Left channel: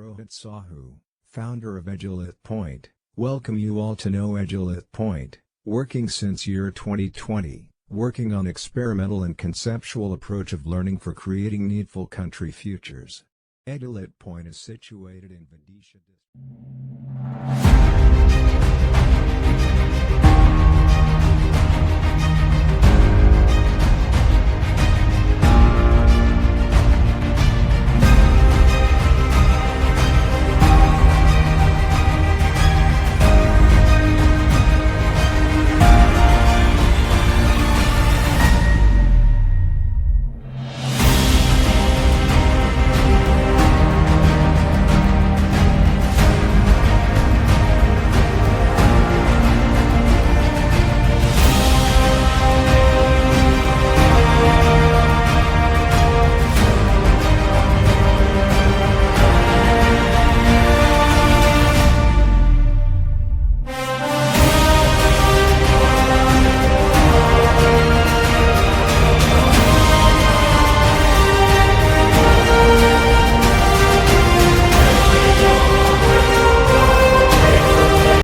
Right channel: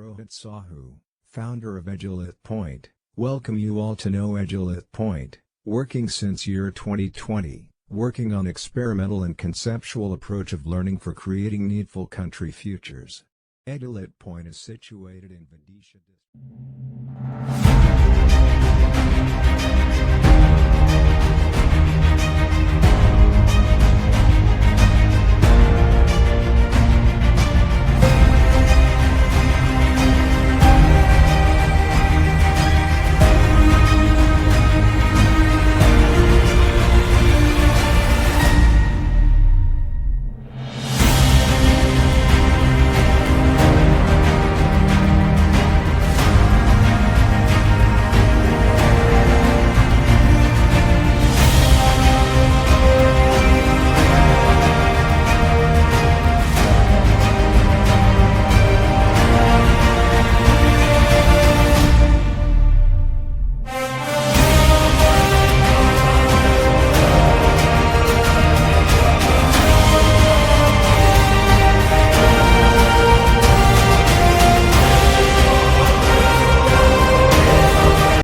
Rohit Sahu, founder of Edulit Point, welcome you all to know Edulit Point, working since year 2020, working on experimental and conceptual approach of learning for creating needful country futures. Edulit Point is situated in Vidisha district.